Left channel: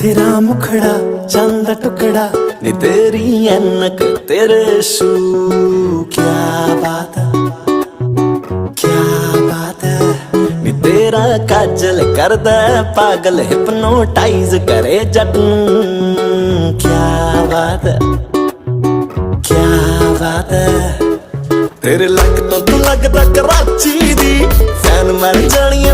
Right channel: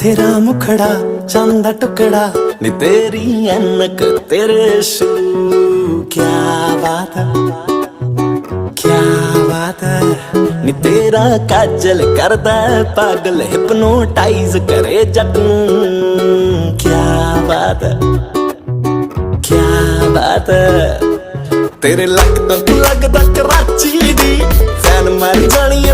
तेरा मुखड़ा चांद दा टुकड़ा नी तेरी ऐनक तेरे शू क्या बात है क्या बात है नी तेरा काजल करदा है पागल हिप्नोटाइज करे जट नूं क्या बात है क्या बात है तेरे लगदा कराची दी फैन मैं जानी